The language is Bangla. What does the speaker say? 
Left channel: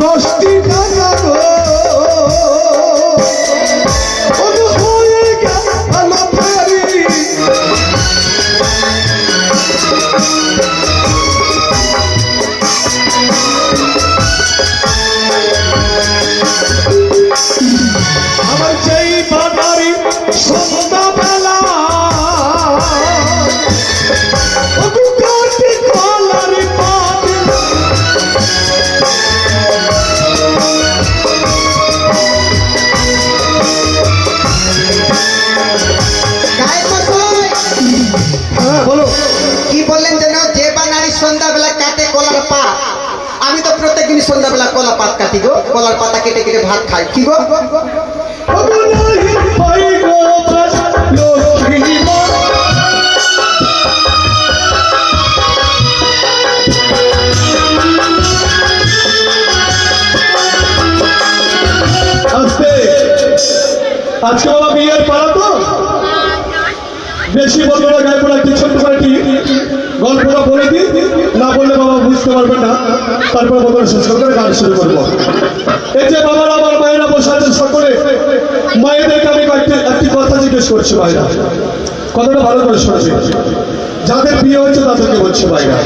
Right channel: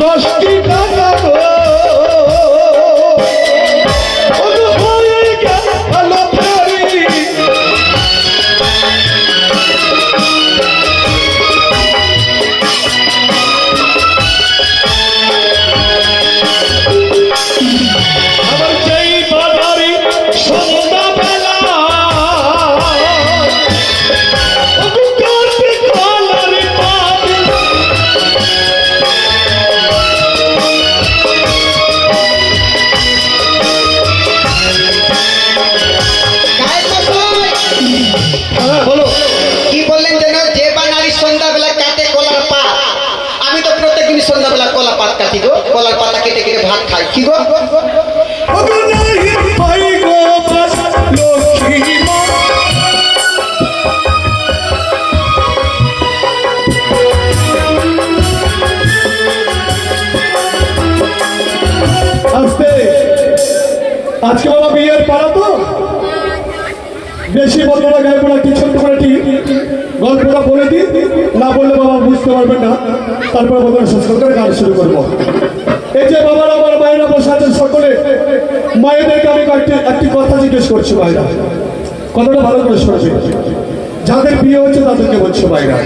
10টি টাকা গো হয়ে গেল ভারী আমার যেই বাজারি সন্ধ্যাবেলা বলো কি বললেন যেন যে বা নারী সন্ধ্যাবেলা কাটে কলার পাত আমি তো প্রত্যেকদিন সন্ধ্যাবেলা কলা পাত কাটি গো কলার পাতা কেটে কেটে ভাত খাই কি গো আজকে বাবা বিয়ের পাড়া তো বেশি বলবো না গায়ে পড়া কি ছোট্ট করে কি গল্পটা বলে দিই না বললে বাবা বুঝতে পারবেন না তারপরে বলবেন সুস্থ করে গান শুরু করবো এই যে বাবার আমার মায়েরা বসে আছেন সকলে মায়েদেরকে আমি একটি কথা জিজ্ঞেস করছি ভাইরা কথাটা ভালো করে শুনছি যাদের বিয়ে হচ্ছে তাদেরকে বলছে ভাইরা